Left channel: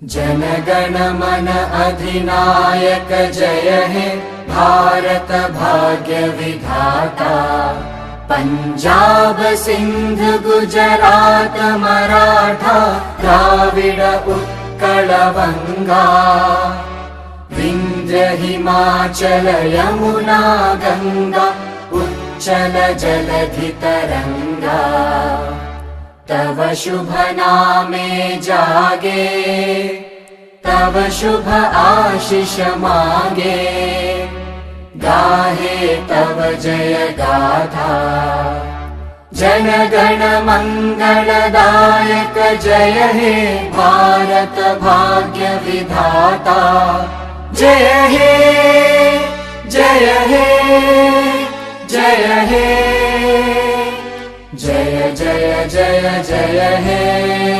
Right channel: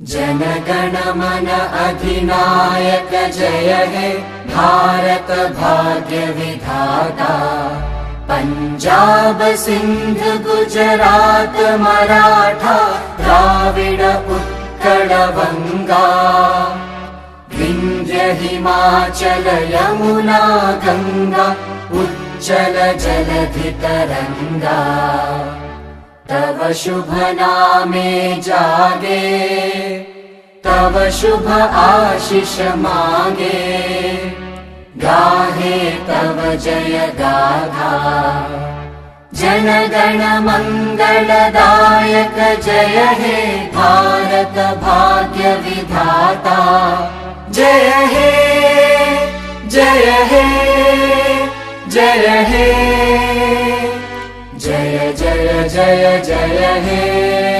जनगण मन अधिनायक जय हे भारत भाग्य विधाता। पंजाब सिंध गुजरात मराठा द्राविड उत्कल बंगा। विंध्य हिमाचल यमुना गंगा उच्चल जलधि तरंगा। तव शुभ नामे जागे तव शुभ आशीष मागे। गाहे तव जय गाथा जनगण मंगलदायक जय हे भारत भाग्य विधाता। जय हे जय हे जय हे जय जय जय जय हे।